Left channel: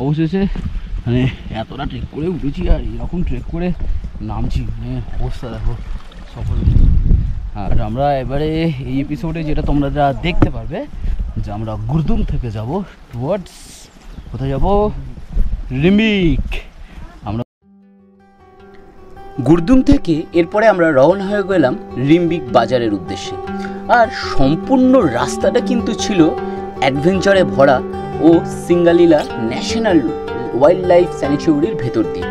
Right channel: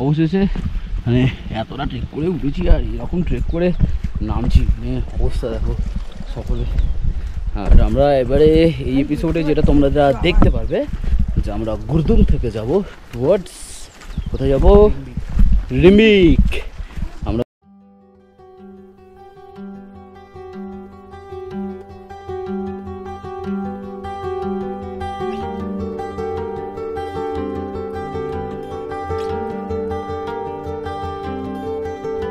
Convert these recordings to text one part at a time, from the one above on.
অবশেষে মানে এতটা ট্রেক করে উঠেছি আর এরকম ট্রেক করে নামছি, মানে অবস্থা দেখো সকলে। আর আমরা এবারে এই এপিসোডে যেটা তোমরা যা দেখতে পারবে যে আমরা গুরদুম থেকে যাব টুয়ার্ডস কোথায় যাব, রিম্বিক। আমরা গুরদুম থেকে এরপরে আমরা রওনা হয়ে গেলাম রিম্বিক বাজারের উদ্দেশ্যে। আর সম্পূর্ণ রাস্তাটা কিন্তু ছিল অ্যাডভেঞ্চারে ভরা ও সিঙ্গালিলা ন্যাশনাল ওয়াইল্ড লাইফ স্যানিচুরির ভেতর দিয়ে।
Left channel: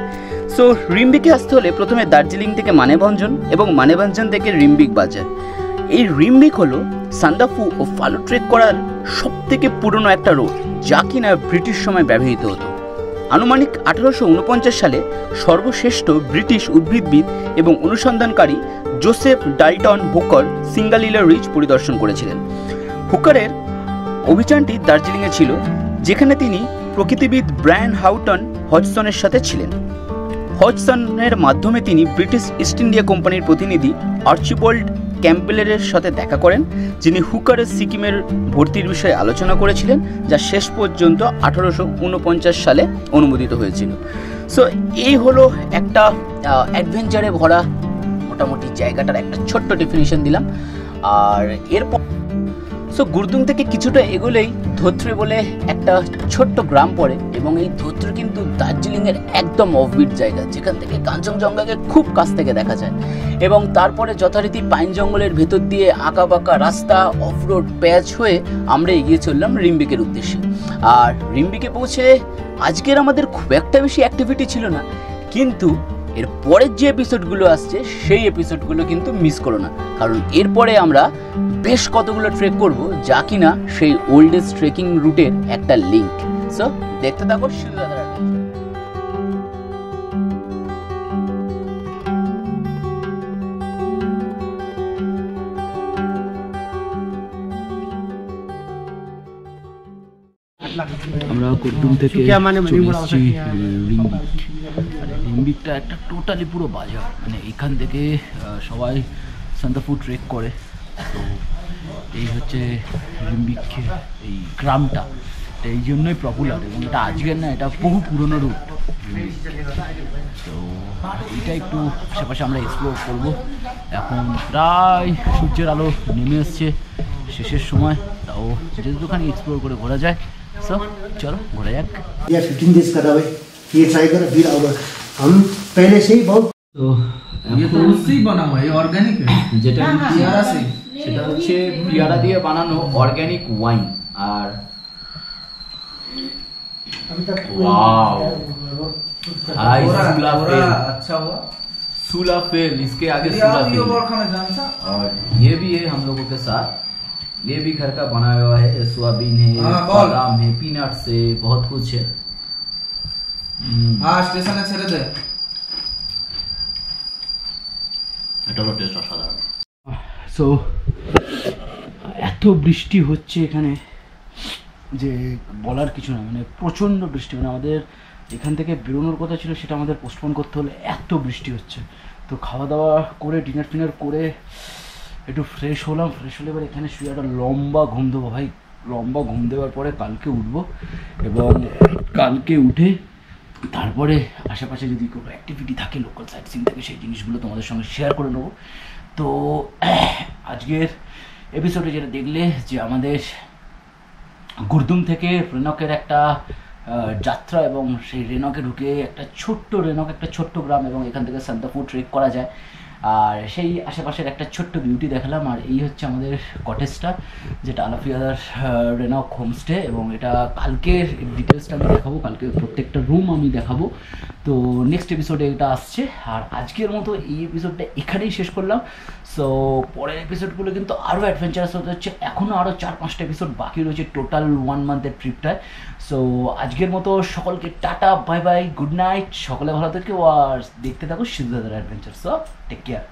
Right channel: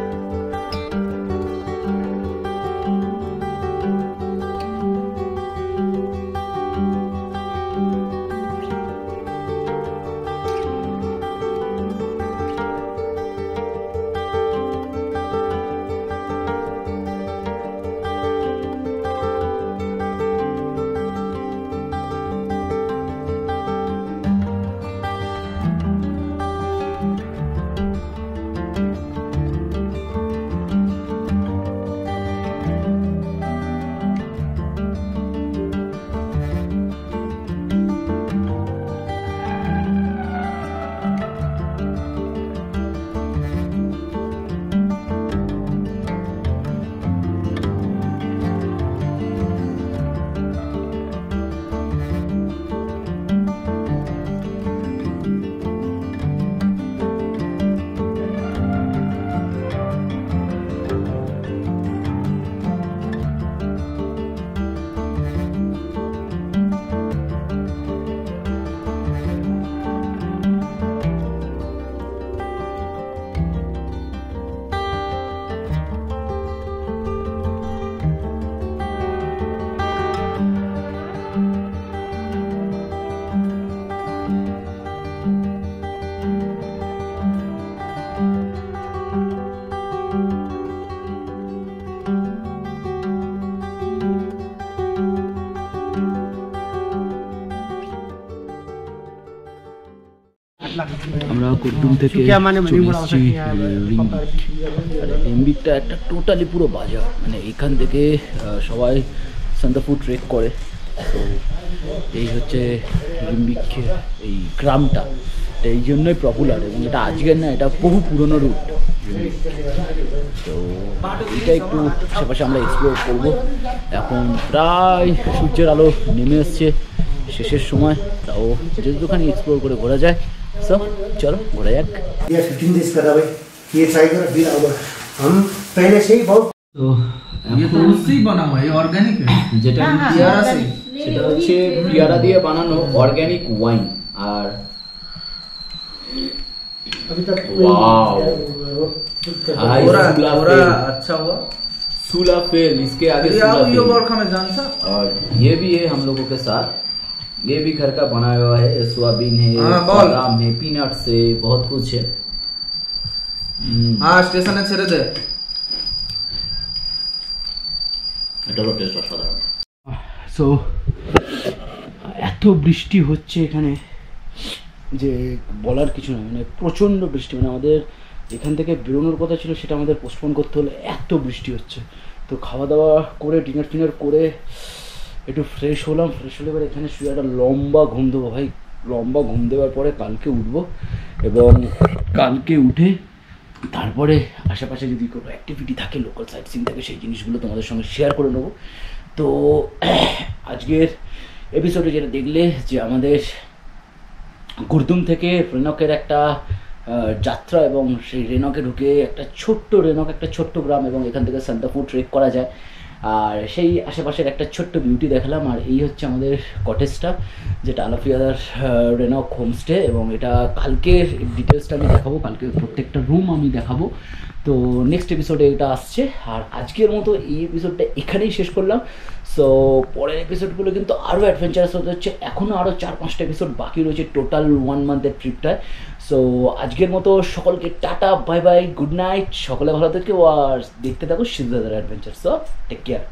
সো রিম্বিকে আসতে হলে প্রথমে দার্জিলিং থেকে মানেভঞ্জন এবং মানেভঞ্জন থেকে রিম্বিক বাজার। এই রিম্বিক হলো সান্দাফু ও ফালু ট্রেক করার সবথেকে পুরনো একটা রোড, যা কিনা ব্রিটিশ সময় ব্যবহৃত হতো। আনুমানিক 1849 সালে সর্বশ্রেষ্ঠ ব্রিটিশ উদ্ভিদবিদ এবং অনুসন্ধানকারী Joseph Dalton Hooker Singalila Ridge পরিদর্শন করেছিলেন। হুকারের অভিযানটি দার্জিলিংয়ে ছিল, যেখানে তিনি প্রকৃতিবিদ ব্রায়ান হাউটন হজসনের সাথে ছিলেন। হজসনের মাধ্যমে তিনি ব্রিটিশ ইস্ট ইন্ডিয়া কোম্পানির প্রতিনিধি আর্চিবোল্ড ক্যাম্পবেলের সাথে দেখা করেন, যিনি হুকারের সিকিমের ভর্তির বিষয়ে আলোচনা করেছিলেন, যা শেষ পর্যন্ত 1849 সালে অনুমোদিত হয়েছিল। সো এই হলো একটা অ্যাডভেঞ্চারে ভরা মোটামুটি জায়গাটার একটা ছোট্ট ডেফিনিশন দিলাম। আর এরপর গুরদুম থেকে কিছুটা এগোলেই ধোত্রে বলে একটা ছোট্ট গ্রাম পড়ে, এবং এই ধোত্রে কিন্তু দার্জিলিংয়ের একদম অফবিট জায়গা, যেখান থেকে কাঞ্চনজঙ্ঘাকে খুব কাছ থেকে দেখা যায়। এবং তারপরে যথারীতি পাইন জঙ্গলের ভেতর দিয়ে আঁকা বাঁকা রাস্তা, অফরোড প্যাচ হয়ে আমরা এগিয়ে চললাম রিম্বিকের উদ্দেশ্যে। আর রিম্বিকে পৌঁছে আজকের আমাদের খুব একটা বেশি অ্যাক্টিভিটি ছিল না, কিন্তু এর পরের যে এপিসোডগুলো আসছে সেই এপিসোডগুলো কিন্তু মিস করো না, কারণ এরপরে আমরা বেশ কতগুলো ট্রেক করব, যা কিনা সেই ওল্ডেস্ট ট্রেকিং রুটের একটা লিঙ্ক। সো দেখতে থাকো। আমরা গুরদুম থেকে রিম্বিকটা একটা টোটালি পুরো বাজার, মানে এখান থেকে সবাই সান্দাফু ট্রেক করে। তো এই হচ্ছে রিম্বিক, এই গ্রামটা এই জন্যই পপুলার, এবং এটা আজকের না, এটা বহু পুরনো রুট রিম্বিক। তো এটা একটু আশেপাশে আমরা এক্সপ্লোর করব। এখন প্রায় সূর্যের আলো নেমে এসছে, শেষের সময়, তাও যেহেতুখানি এক্সপ্লোর করে ঘোরা যায়। सो चलो घोड़ा जाक। ये 15 डेज का भाई, ये ट्राई करो फिर आओगे। हम पहले से ही बहुत तो ये तो उससे ही बना हुआ है, ऑर्गेनिक है, যেটা पियारा से, সেটা হচ্ছে পিয়ারা দিয়ে বানানো অর্গানিক ওয়াইন। আর वाओ हाय सुलाफेल, अच्छा हुआ सुलाफेल, इसके आगे ये सुलाफेल और खाना जानता। और ये भी है हम लोगों के साथ। ये भी घर का बना हुआ है, सोयाबीन है, बादाम है, पीनट्स है, बहुत कुछ है। हाँ स्टेशन ছেড়ে দে, এটারও টেস্ট অসাধারণ। সো এত বৃষ্টি হচ্ছে এখানে যে বলার কিছু না, মানে প্রচণ্ড বৃষ্টি, মানে আমাদের এখান থেকে বেরোনোর কথা ছিল, সেটা আমাদের পোস্টপোন করতে হলে, এত বৃষ্টি হচ্ছে। তো খাওয়া দাওয়া করে ডিনার ফিনার করে একটু ফ্রেশ হলাম, ফ্রেশ হলে এবার এখানে শুয়ে একটা লম্বা ঘুম দেবো ভাই। লম্বা ঘুম দেওয়ার পরে কালকে উঠবো, এবং কালকে উঠে তারপরে আশেপাশে যদি কোনো অ্যাক্টিভিটি থাকে, লোকাল সাইট সিন থাকে, সেই জিনিসগুলো তোমাদের সঙ্গে শেয়ার করে নেবো। তো আজকের এপিসোডে যেটা দেখলে যে আমাদের গুরদুম থেকে রেনকের একটা যাত্রা, এবং সেই রেনকে ঢুকে একটা ছোট্ট গ্রাম, এবং এখান থেকে সান্দাফু ট্রেক করা যায়। আর সেই আশেপাশের একটা ছোট্ট বিউটি দেখালাম। আর এই হচ্ছে আমাদের কটেজটা, যেটা আলাফিয়ার রেনক হোমস্টে, এবং এটা কালকের ডিটেলসটা আমি দেখাবো, কালকে প্রত্যেকটা রুম আমি দেখাবো। তো নেক্সট এপিসোডে এটা আসছে। আর আজকের মতো এই এপিসোডটা এখানেই শেষ করলাম। সো পরের এপিসোডগুলো কিন্তু আরও অ্যাডভেঞ্চারাস হতে হচ্ছে, এখনও আরও 4-5টা এপিসোড বাকি রয়েছে টোটাল 1 মান্থের ট্রিপটায়। সো আজকের মতো সকলকে টাটা, বাই বাই, গুড নাইট, সকলে ভালো থেকো আর দেখতে থাকো সিদ্ধার্থের অ্যাডভেঞ্চার। So take care.